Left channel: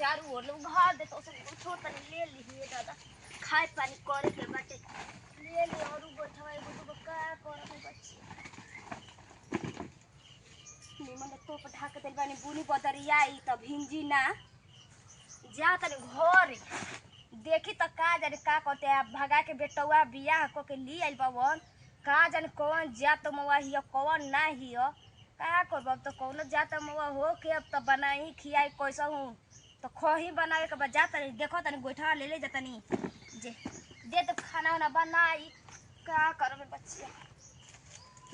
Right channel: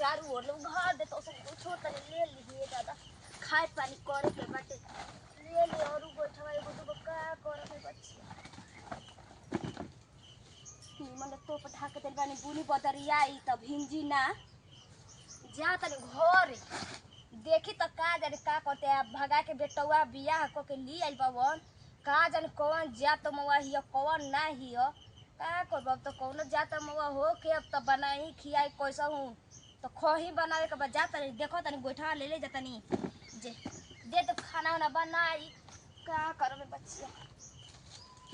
चारू ओर लोग घर दे तो सब कुछ तनी ले ली दादा खाए पानी करे के बाटे ले ले और बैठवा एगो दूगो का करब बच्ची निमन तो पठा के दिल बानी बुनी बदरियाई तब हिंजी ना जा तनी घर देखी त का जाने का करते हैं भगा के बेटवा बियाह को के ली आइल बावन का जाने कौन जात मवा हियो कौन ना हियो का करब अब तो कौनो जात मवा हो के अब तो बनाई खियाई कैसा हूँ तो खही बनावे के बाद जाता नहीं देखो तनी गोइठा ले जाता नहीं जे दे तो खाना वाना बनाई का करबे बच्चिया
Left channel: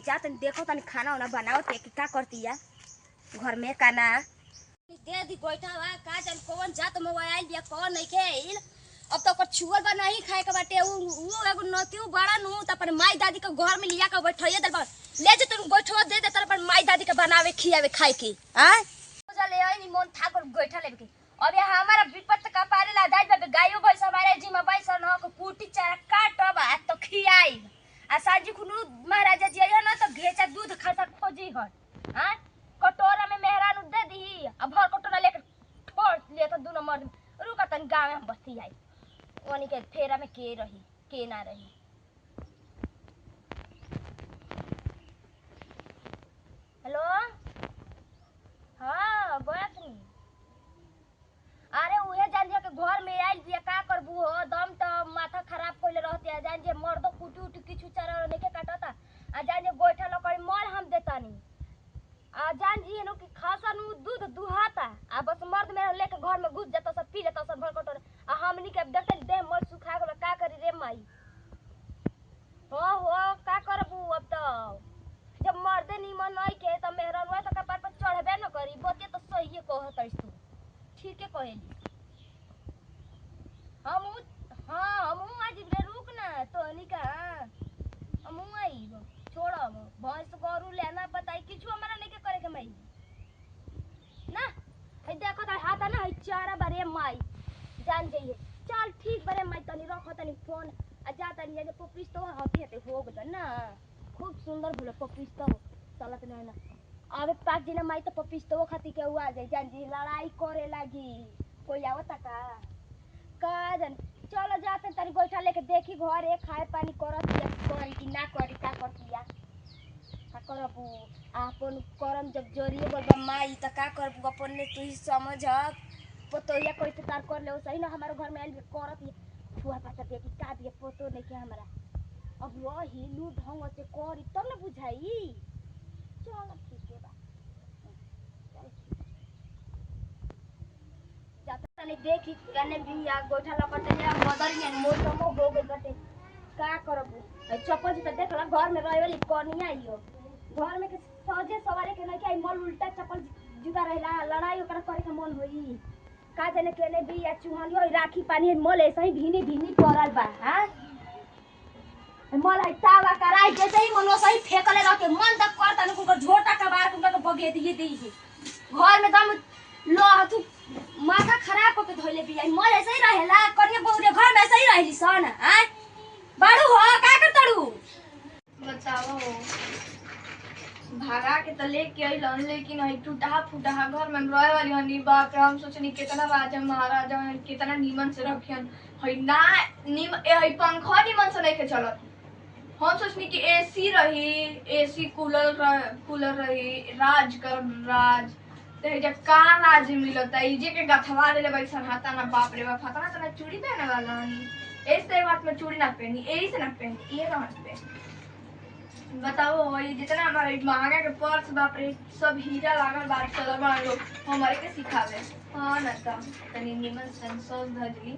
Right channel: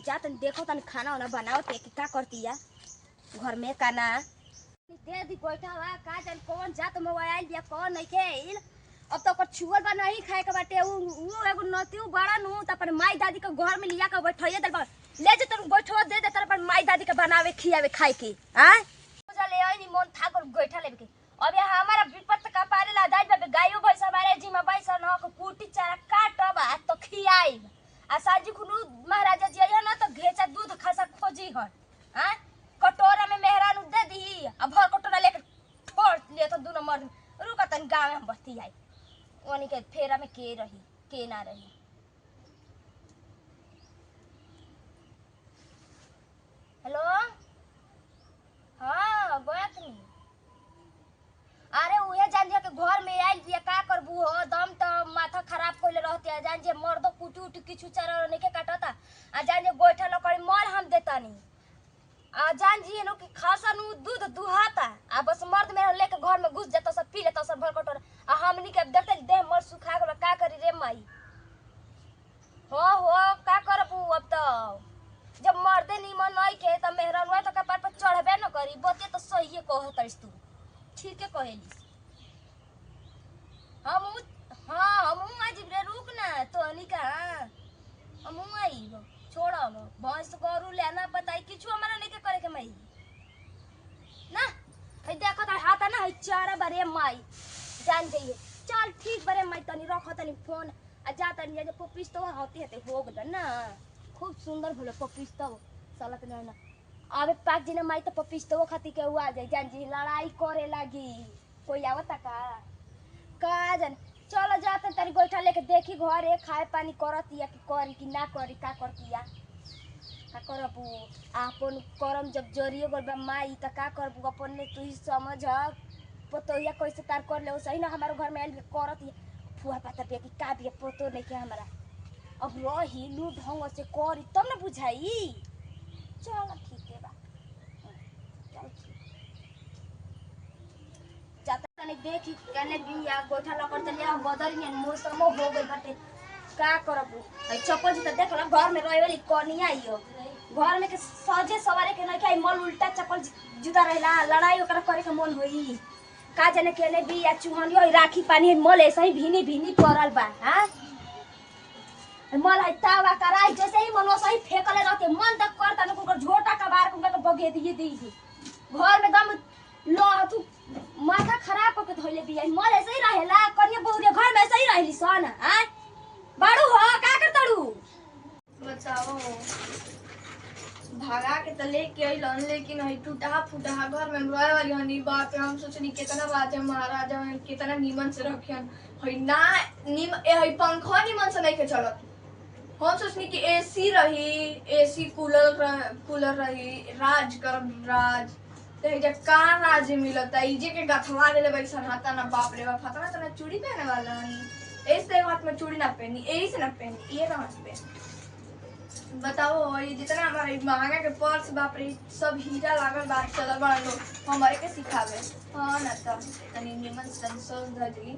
जा तनी देखो तनी खाना वाना बनाओ ते कि का करती है घर में का ना दे दी गोइठा वा का जाने कौन जात मवा आइल बिया कौन नहीं खेल अब तो ओकर छुअल बा नहीं खाए के बाटे उ एगो नतिउ बड़ा नु त अपन माई दादी के घर में लिया के बैठइए देल बा ले जे तन गोइठवा दे दे त अपन माई दादी के बनावे खियावे खाए के हां पूजा ले आई नी मन ठाकुर गोइठा लेबे के अब ये हमारा विपत का पारे ला दाई बे गायो भैंस हमारे जी में बैस न को कुटी चारा काटब आ तो खियाई आ साजी खुनु महाराजा जी आया ना तो घेचा दूध खासा खोजी हन हां कटोरा में मेहरान दे दी अब भर कटोरा लेके छोड़ ले तो दोनों मर्द रुका तन गांव में बस्ती आई ओनी के फेरा में के रही के ना रही हेलो हाँ गोयतनी अरे उहे जान जे के घर में आइल बिया का करबू हो दम तो माथा खराब कइले रहते है जान जे मर्दो कुटी उटी किछु चारा नहीं काटता आ जान जे गोइठा लकड़ी मर हम देतानी आ जान जी नो कि खासा नु दूध दुहाता आ बस मर्द मेरा लेके घर में घुस जाता सब पी लेता सब भर कटोरा आ हमनी के देखते देह मर सुखा गेल का करी रे माई हो का करबू अब तो जब मर्दे निमन नहीं के त मेहरान हुआ तो कपार पर चढ़बे न करी बते तो सही कहतइस तू ठीक है कहेली हम आज रे रुक ना तो अनिका हम आई छोड़ब भैंस गरू लेना बताई किछु हमरा नहीं के करे के मई ना हई देखो त हाथ ना हई चारा बारे माई जान जाइए चल ठीक बारे माई तनी रख तनी फोन आ जा तनी जे पपिस तो हते हते हो गल ना खूब सुंदर भले पपिस तो चलत ना अबे पाक जी ने माई तो पपिस तो खाती के हुआ जाए जान जी लड़ाई करे लगी कोई आवता का जान चलो जाते तारी गोइठा लेके देखी घरे खाए पानी करत या करी कि ना करी का करती या का करबू आपन करम जब जरिए बोलबा माई त का करबू अपन ने तू ही समझ पतोया कैसे तार कर ले सही ना हमारे घर में आइल करत फुआ पता पे कि का बिया पतो नहीं के हमरा अब रही लू ढंग से करी तब ना बुझाई चल ठीक है बा चल जाता तनी देखी कने बिया गोइठा लकर तनी मदर ने मौसम हो गई बटे का करबू आई चप्पल जी त देखला घर में रहे वाली कनिया आइयो घर में के सजे सवारे के नहीं खाई मल उल्टा चप्पल जूता रहला लड़ाई ओकरा करे के मन होई का जाने केने बिया चुहनियो राखी पानी मल ऐसे ही भीनी पड़ल बा हां मल है तावा कराई जैसे ही मनो सही फेकले रहते मन तक कर तन को झोटा कबार को बगे दिए दी घर में दम लो तू माथा खराब करके धइले बिया मल ऐसे ही रहेला करिए बहुरे घर में ऐसे ही रहली सन हां बाड़ू हो का करतड़ू बताओ भागा के तो लेके अइलन लेकिन हई टूटा फूटा घर में रहे वाली हनी बाप रे हम सोचनी कितना राजा महाराजा कितना नीमन से रखियन हई ना हई पंखा नीमन से नहीं के चलत हम सोचनी कि एसी रही एसी कूलर रही राज ते जे का राज मिलता इजे के गथवा देले बैसन हाथा ना बाप रे बाप हाथा ना चूड़ी पहने वाला ऐसे हाथ में चूड़ी ना पहनी यही से ना पहनी ये हाथ पे बताओ ये जितना हमारे महंगा के पर्स बाप रे सब हीरा लागल बार चलल बड़ा लोग हमारे के सिखावे हां ना तनी निमन संसोल धजली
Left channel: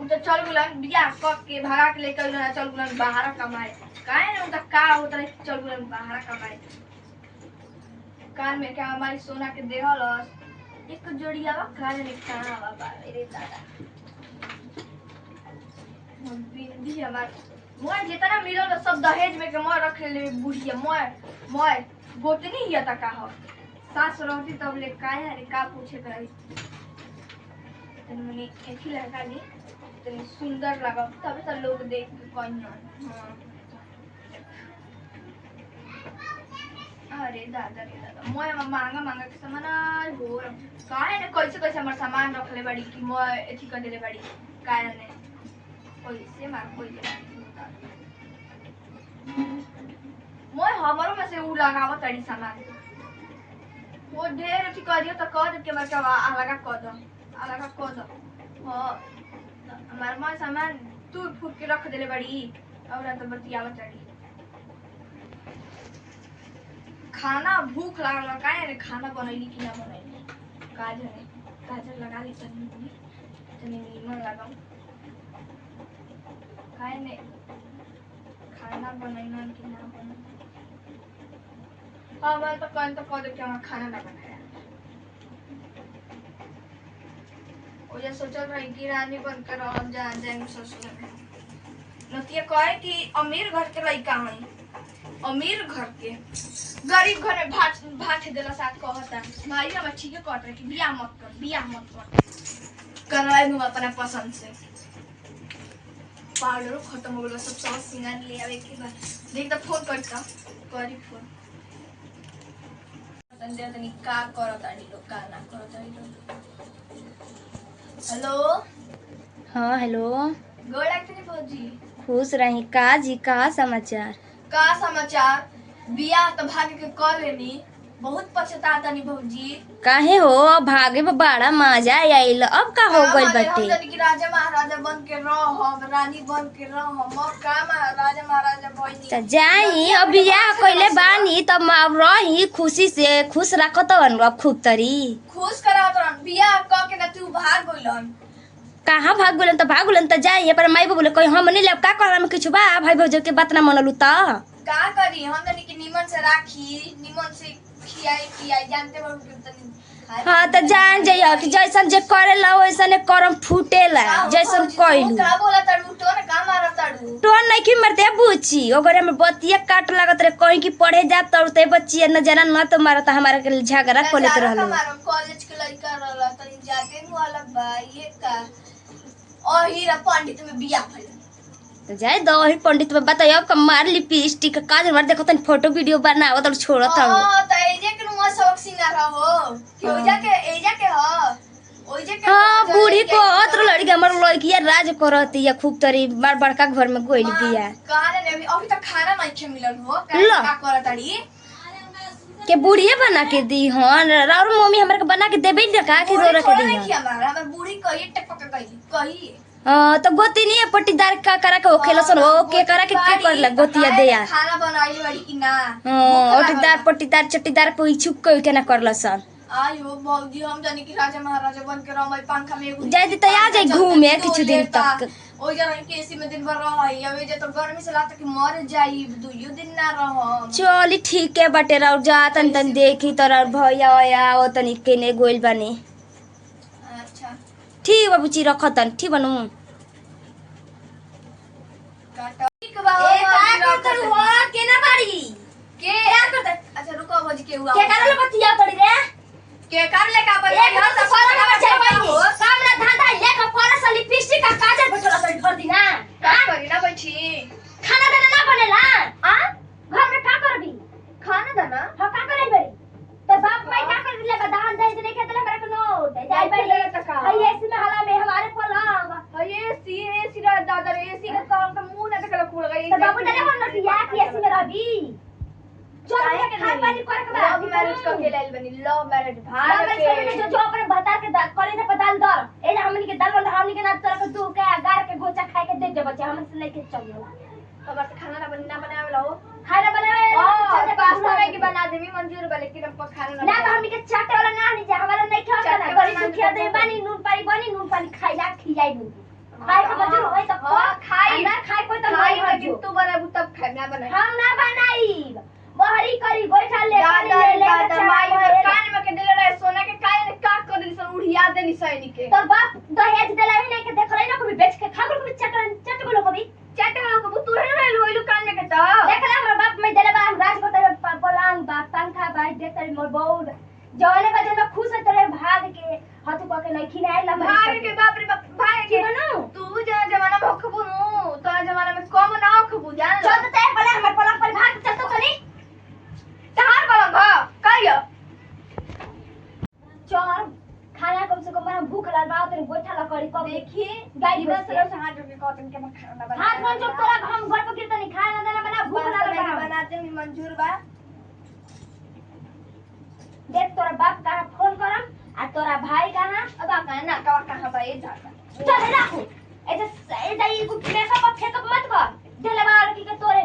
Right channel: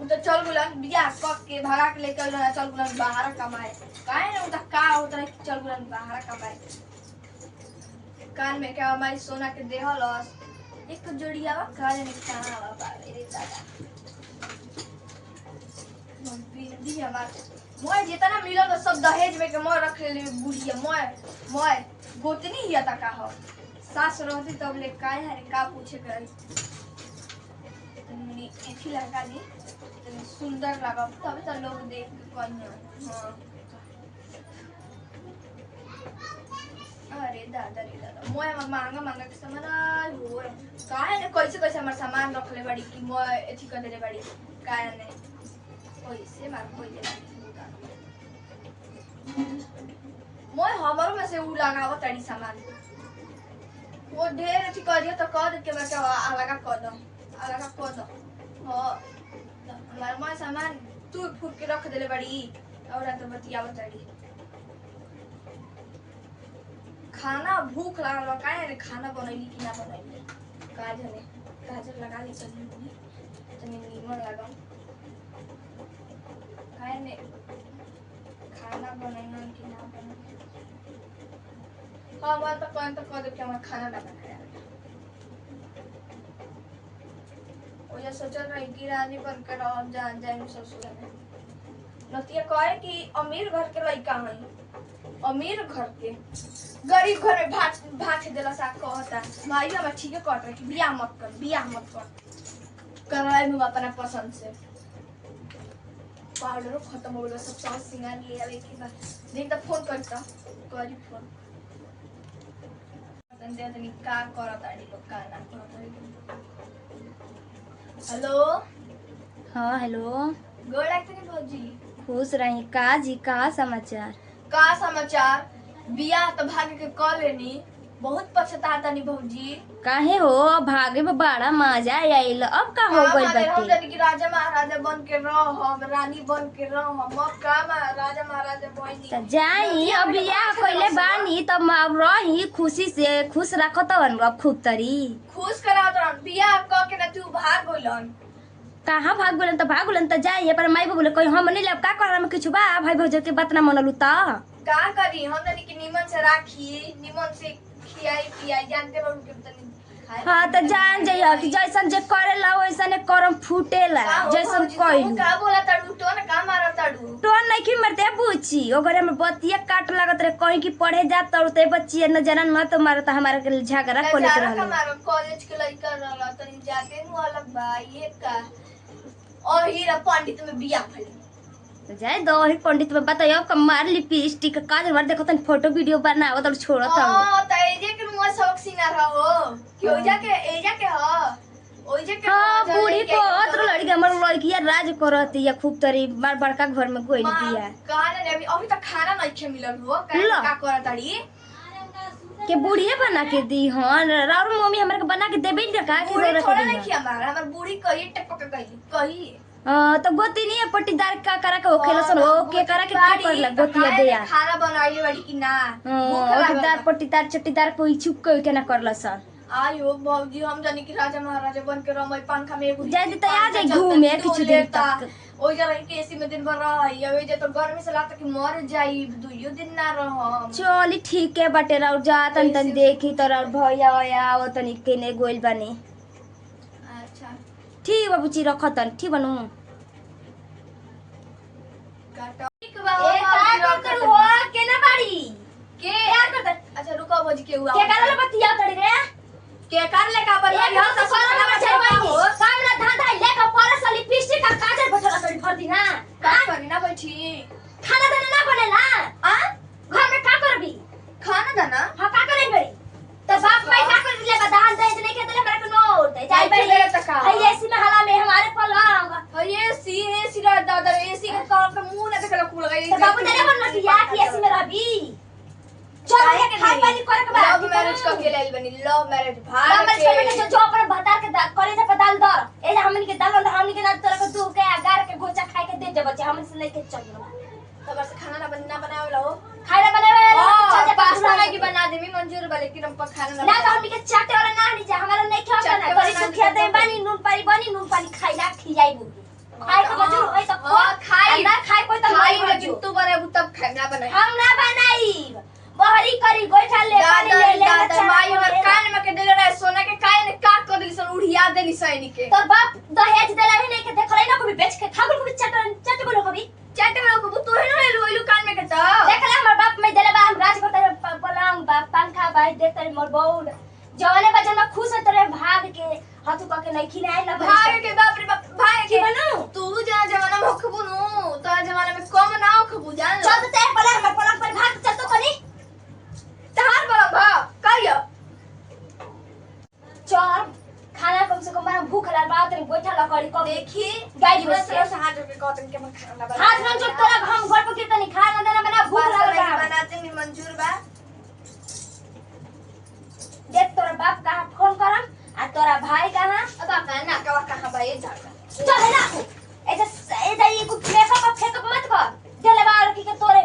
उ तो चल गुलन बियाह कक के भगा के लेके रहा चल गुलन बाहर कमाए काहे ना उ त का होत रहे चल गुलन बाहर कमाए कान में क्या हमारी सोना के देहलस एक जोड़िया वा कान में कहां वा बाप रे दादा बिंदी हमार मोय जितना मिलल सब दहेज में के मोय रख ले बुढ़िया मोय गोतनी हिया त का हो सास रहती तब ले काहे अरे का पूछे कर तनी एथी लगा दी तनी सुंदर लगा तब त लोग देख के कहियो हां अरे दादा रे दादा मैं मांगा मांगा के सामान हो काहे ने कैसे हमर सामान रखले बाड़ी कि मैं एथी कर देले बाड़ी काहे ने कैसे मार कोई दे मैं हमरो में से उ लगावत ताड़ी सामान वो ढेर एथी कर दियो त कह दे के मैं अलगा कर दो हां हमार मां सामान तू फूट के रख देले बाड़ी और तो बतियावत ताड़ी खाना भूख लागल बा काहे रे खाना बनैली कि ना बनैली गाजर लगा दी तनी नीमन लगाम काहे ने खाना बनैलन कि ना बनैलन हां मैं तो कह दे कि हम खाना ना बनाया ओ ये सोचल रही कि रानी बनकर अब जाएंगे ससुर में नतिया कहे कि अमीर घर के लड़का हई अमीर घर के गरीब घर में भात देला सा कहता भाई हम ठीक है कहत रहे कि बियाह मत कर करवाए हम अपना पसंद से पाउडर खत्म हो गया सब सिंगार ले आवे के बाद देख तो फोन करता करी फोन पसंद दे तनी का करत आडी लोग का ना करत आडी लोग हेलो हाँ हेलो गोड़ लागतनी भौजी खुश रही का जी का समाचार बियाह तो भाग के कर लेनी बहुत पछताता नी भौजी काहे हो अब भागे में बड़ा मजा आइल अब का हो गइल हम बाटे जदी कि राजा महाराजा बन के रहब रानी बन के रहब अब का राजा महाराजा बनी त जाई अब बियाह कइले बानी तब रही खुशी से खुश रखत हन अब खूब तरी खुश करावत रहन बियाह क के ना तू भाग गइलन कहाँ भाग गेलन त जाई पर माई बोले कोई हम नहीं ले का करम किछु बा भाई भौज के बात ना मनलू त का करी हम तनी कि निमन से राखी निमन से खियाई जानते बा उनके तनी हाँ त जान जाइयो कि जैसन जे करेला वैसने करम फूटेला जैसन कइलू का बोला तड़ू तो ना का मारा तड़ू टोन नहीं की मरते बुची ओगरे में बतिया काट लागत रे कहीं की पढ़े जा तड़ते बच्ची न जना न तो मारत हमारा के झगड़ा कोलेत रहलो हमारा कॉलेज के लड़का रहला तनी जाते नु अलग बा ये का और हीरा पंडित में बियाह भइल तो जाए दो ही पंडित में बताइए अब मार लिपस्टिक काजल मार देखो तन फोटो वीडियो बनावत और छोड़त हूं हां त एजे के नु सबक सिंगार हो कि एजा के ह ओजे के हां बूढ़ी को अत्र लड़की हमर लड़किया राज करती या खूब तरी मार बड़का घर में गोइल बिया कहां ने अभी तक खाना नहीं खे मिलल हो का करताड़ी के बुढ़िए बना के दी हन और मम्मी हमरा के बना के देबे न का के जरूरत थोड़ा दी नहीं खिया हमर बूढ़ी कही टपक कही तो गोती नहीं पट्टीदार का करा के ओखेला सन हो के करा के करला गोतिया देया खाना बनाई बड़ी कि ना ओटीदार पट्टीदार चट्टीदार पे इच्छुक कोई के ना करला सन आयो भौजी हम जानी कि राजा महाराजा बन के रमई पंखा में एगो जाई त आ जाई घूमे कुछ दिन तक ओइ जरा के एसी में दिन भर रही अबे जे तो गर्मी से लागत कि मर जाई दुइयो दिन ना रह चली ठीक है बाटे राउ जा तन देखी तोरा भैया आया ओ तनी केने गोइल बानी अच्छा ठीक बाबूजी रखतन ठीक बनू काटा ठीक बा ए का कर हो केना बाड़ी के यार कर अच्छा रुको भौजी के हुआ के करले बतिया तड़ी रे के कर ले का पर एक घर से फरक में चलवाई सामने धांधा लेके फरस लिपस्टिक का काजल बैठल तड़ी भर दिना का करी ना बैठी खाना दाना ना बनेला आ घर में का करबी खाना दाना हां का करे बड़ी तो बाप माई का कर ले दान दे नहीं के दले मेरे को नोट दे जाई बड़ी हई ऐसी में हला में हमारे पलवा होगा एसी रा दादा एसी का काम का मुंह ना देखला खुल गई तो बाबू दे बन नटिया की ऐसी में रहबी चल के खाई पानी करे के बाद लव मैरिज का के लेल बनी लव मैरिज भाग लव मैरिज करे जो अपने बता के कॉलेज पे डाल दर ए हमनी के डाल हमनी के ना तोरा के दू के अगार के गोचा खाए के दे दे बच्चे हमन से लेके चलियो तो बस खाना ना बनावे ला हो खाना बनावे चल जा पास्ता मैगी बना देमी मंजूर बा लेकिन हम खाना ना तो हमनी के चाटे वाला ना नहीं जा हमारा नहीं खाओ ना बड़ी सुखिया दे बानी नून पानी खाइला खियाई दू खाए के बचू होय तो खाई ना खाए कोई तो खाई लेकिन तू बनाबू तब खाना बनाई हम ना बनाई बहरी करी बैठा ले पानी ले ले दादा माई और कान में के देले रहे सोना के कान ने का कर दिली सन उड़िया देली सैनिक के तो बाप दहेज देला ही नहीं के देखलै ना कभी बेच के खागल कभी चट बोलो कभी चाटे वाला को तू ही ना लोइलू कान में के तो देखला हमर बाप में देले बा हम राज करते पलंग बा पंखा बा देखते मोर बहुत जवाने बजन में खुश होत रहे भाग के हाथ को के नहीं खिलाए ला भाग के बाप रे बाप भाई की बनू तू जा जमाना में खबू नु तो जमाना में कम ना खबू जान चल तो ते पलंग पर भाग चल तो कनी तहार बलम भूख लागल बा तनी बैठा लकड़ी क देखी गाय निमन भैंस से रहो हाथ जोड़ के कहतन के मैं खाना बना हाथ में जो तोरा हम घर पर कितनी खाना देना बना भूख लागल बा बनाते हैं मंजूर बा। देख तोरा बाप कहाँ फोन करम आ तोरा भाई कहाँ अब आप ना कहां बा ये झाड़ा चल ना ऐसे ये कुछ फेकअप मत कर देले बाल की के तोरे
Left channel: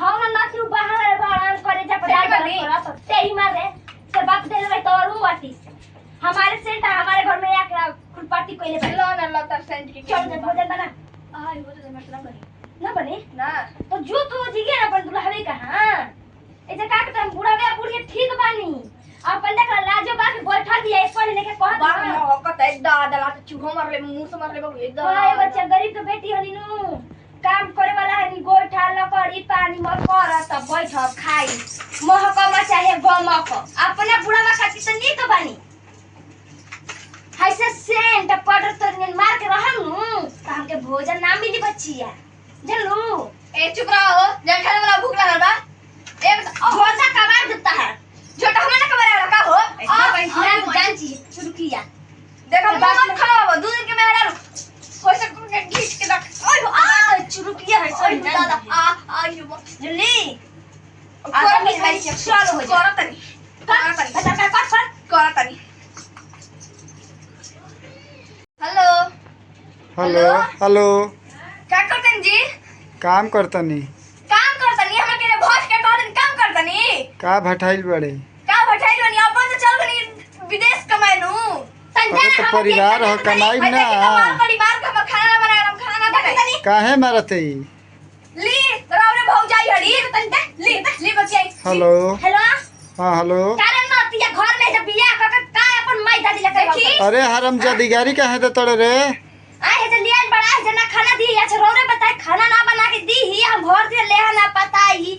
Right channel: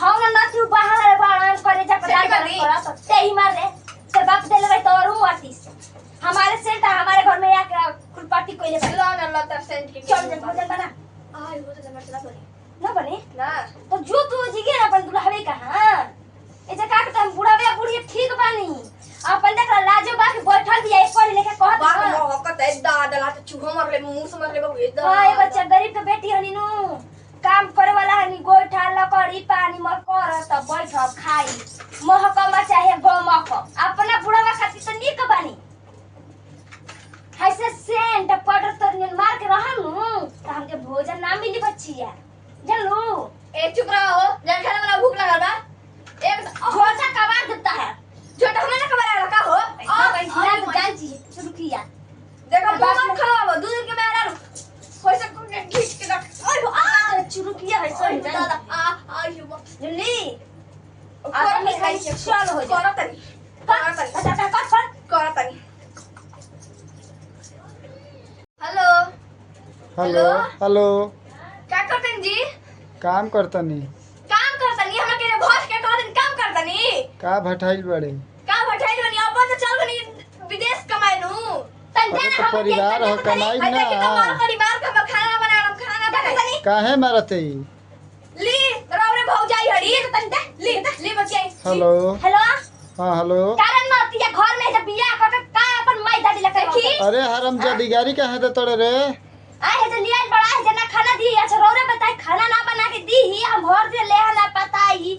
हां ना तू बाहर बाहर करे जा पर करा तो तेही मारे तेरे बाप देले भाई तोरू आर्टिस्ट हमारे सेंट हमारे घर में आके खुलपाटी कोइले भाई लो ना लो तर सेंट के चल भोजन बना आई वो तो मसला बनी ना बने ना तो जो तू जिगे ना अपन दुल्हवे कहां ऐसे का के तुम बुढ़ा बे बुढ़िया ठीक बानी अपन देख लाजो बा के बैठल दिया एक पढ़ लेके कहत बाप नो हकत है दादा ला तो चूहा मार ले मुंह से मार ले बाबू ये हाय बच्चा गरीब के बेटी हनी नु काम करे वाला हनी गोइठा लकड़ी पानी में कर त बैठ खाई महकमा चाहे गमक अपने बुढ़ावा खातिर त नीक बानी ऐसे सेंट पाउडर तो मार के रहम नु त हमके भोजन ना मिली बच्चिया जानलू ए चुप रहो जल खाने वाला भूख लगल बा एक झोटा कबाड़ देता है छोटा हमें ना कबाड़ का हो हां भाई जान जी शुरू किया देखो मत खराब दो दिन के मेरा होय से के खींच के रख ओए आ शुरू किया है सही दादा दादा आ यो जल्दी आ मैं खाई चलो हो जा करा तनी बता कर करा तनी हेलो हेलो हेलो क्या करतन जी काम करतनी काम करतनी हमरा के भोज के कहतन काम करतनी का भटाइल बड़े का बैठाई बनी अपन तो चल बनी विदेश कमाइनु अरे तो परिवार हो कमाई ना परिवार का मैं खाना बनाए हम खाना बनाए काहे मारते ई ली बराबर भौजाई हड़ी ली बच्चे हेलो हेलो हाँ हेलो कारण ना तिया घर में जब बियाह क के का अपन माई दादी लगे देखी अरे हरम जदीगारी काहे दे तोड़े रे आए है तो लिया बड़ा जना खाना दी अच्छा रोरे बताए खाना ना बना के दी ही हम घर से ले ना पताई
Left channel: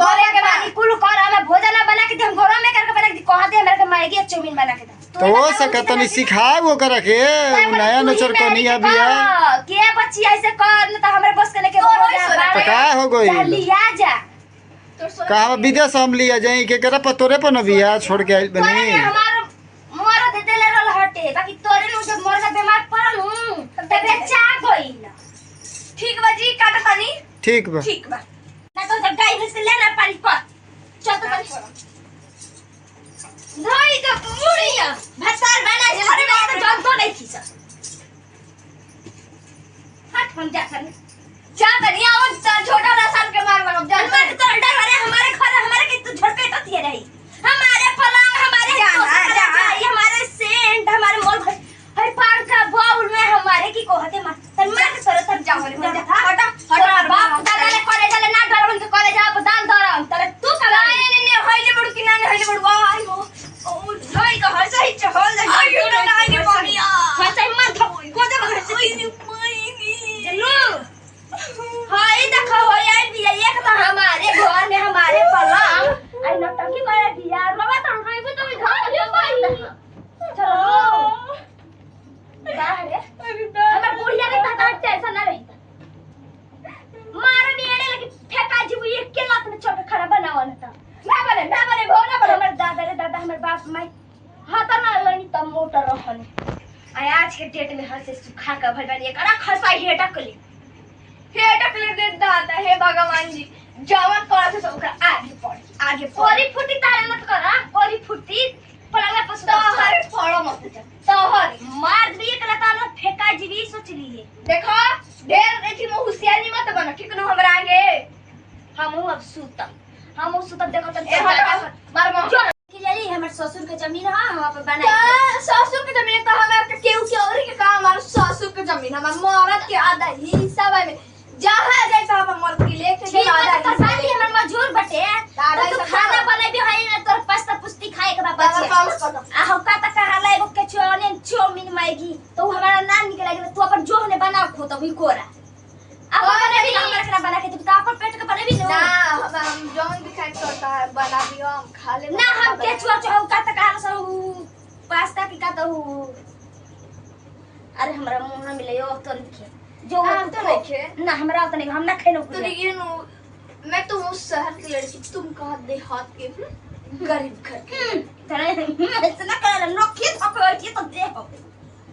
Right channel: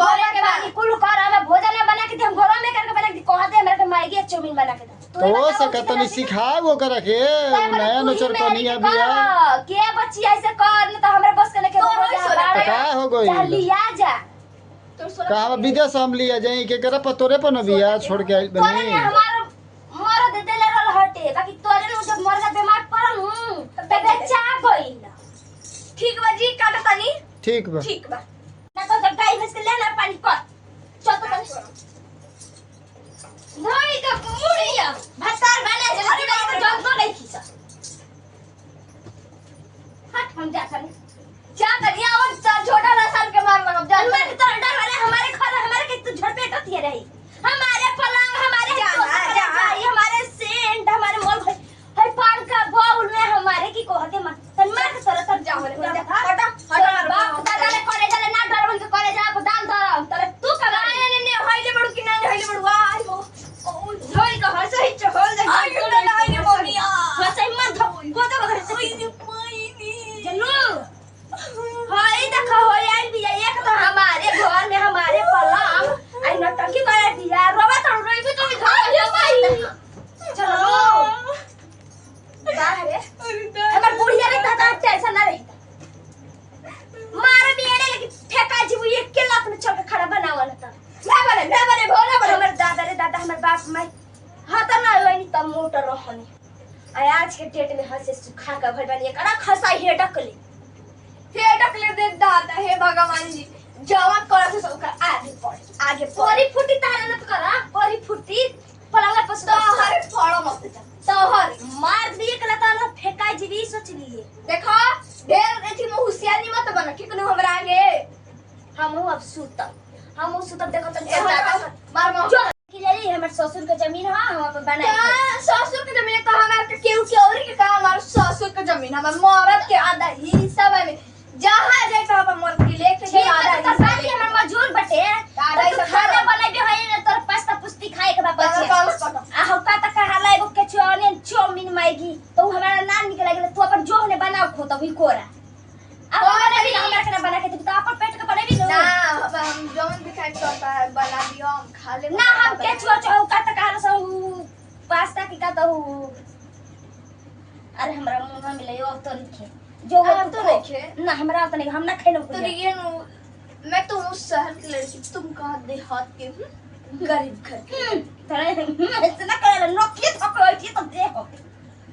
करे के बानी कुल कर हमें भोजन ना बना के दी हम घर में करके बना के कह दे हमरा के मैगी और चाउमीन बना के दे तो वो सकतनी सिखाए वो करे के नया नचर कोनिया बिया के बच्ची ऐसे कर न त हमरे बस के लेके तो का हो गई लिया जा कहा विदेश हम लिया जाई के करे पतोरे पर न बिया छोड़ के आइल बनी हमार मरद देले रहल हटे बाकी तोरे नु जब मरद बीमार पड़ल हूं त बेचा गइल ठीक बा जी काटा तनी ठीक बा ठीक बा ना तो जब गाय भैंस के लेना पानी कर चल तो धोई के मुड़िया भतार बना जल्दी बना तो जब तो नहीं खींचा हट हम जा कर जा तनी आओ छोटा रसन के मार मारो जा हमारे तो डर वाले हमारे घर हमारे के तू झड़पेट होती रही हमारे पलंग हमारे हमारे सेंट हमारे मोल है पान का बाउल में हमारे की कहते मत तन मार सर तन जा हटा हटा बाप दादा ले करे चले ना डरवन के करे जा दान दरम तले तू कमाए ने होइले बड़ू कि ना होइले बड़ू आई हो होई का हर सही चहल जा आई ना लगे मम्मिया हर सही मन को दे घर से जल्लू हाय देखो होय आई भी एक तो हमारे घर में हमारे पलंग आई नटंकी करे दिया रोवा तो रोई भी तो इधर भाई चलो बाहर हमर बुढ़िया के तहत टेंशन ना रही मारे बिएड़े लेके फेंका जी वो एक के लात में छोड़ के खड़ा बनावल था ना बने भोला बड़े हमर दादा रे दादा हमर बाप माई हाथ ना लई त मोटर रहने आई आज के डेट में हर से सुखा का भगवान एक अड़ा खसा हेटक ले दे दादा हे भगवान जी जवान कर से ओकर आगे पोरी फुटी तारा मत करा पोरी फुटी पलंग पर तो हर फड़ो मत जा तो हर मार दी एक लता ना फेंका जीवी सोच लिए देखो ढेर एथी में होशियारी मत बना किकनु हमरा आगे हम अब सुतब देखो तन ए हट मार मो की लेली हमर ससुर के जमीन हां हम अपन बनाई ससुर के जमीन तो हमरा के केहू के और के काम हमार ससुर के जमीन हमर मरद के आधा हिस्सा में जहां जाए तो अपन मर्द के लेके ठीक है तो साली हमर मजूर बटे दादा तो सब खाना बनाबे है ना तोर पास्ता पुस्ती खाए के बाद दादा बचे काम कर आ हम का तक हाला एगो के चाउमीन मैगी तो हमारा नाम निकल गेल तू अपन जो ने बनाओ खो तो ही कोरा अब बना भी हमरा के बना के तू तो अपन पेट के बनाबी ना ना हम जौन भी खाए तो बना दियो हम खा ले ना हम के का तक हाला सो पास्ता की का तो अरे हमरा मुंह में ले ओ तो लिखे जो आप तो लिखे ना हमरा तो नहीं हम ना खाइनो तो ये मैं तो उस शहर की लड़की तुम कहा देहात के गरीब घर की तरे ऐसे ना करे नोकी थपे होई त दे हो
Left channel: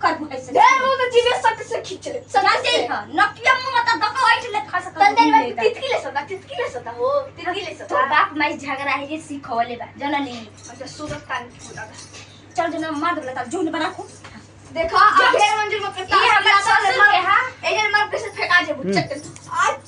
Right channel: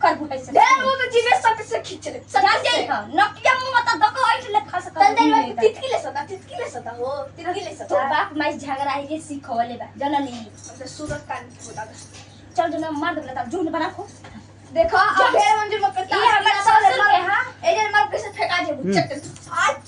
कर बुझाई से दे वो तो जीवे सक से खींच ले जान जाई ह नोकिया मुंह त दको होई ले खा सकत तन देर में तितकी ले सता हो तितकी ले तो सता बाप माई झगड़ा है जे सिखवले बा जननी अच्छा सूरत कान की फुटा चल जना मार दे त झूठ बना खो देखो अब ढेर मंजिल में ये हमर ससुर के हां ए जे मार कैसे फेंका जे बुच्चक आज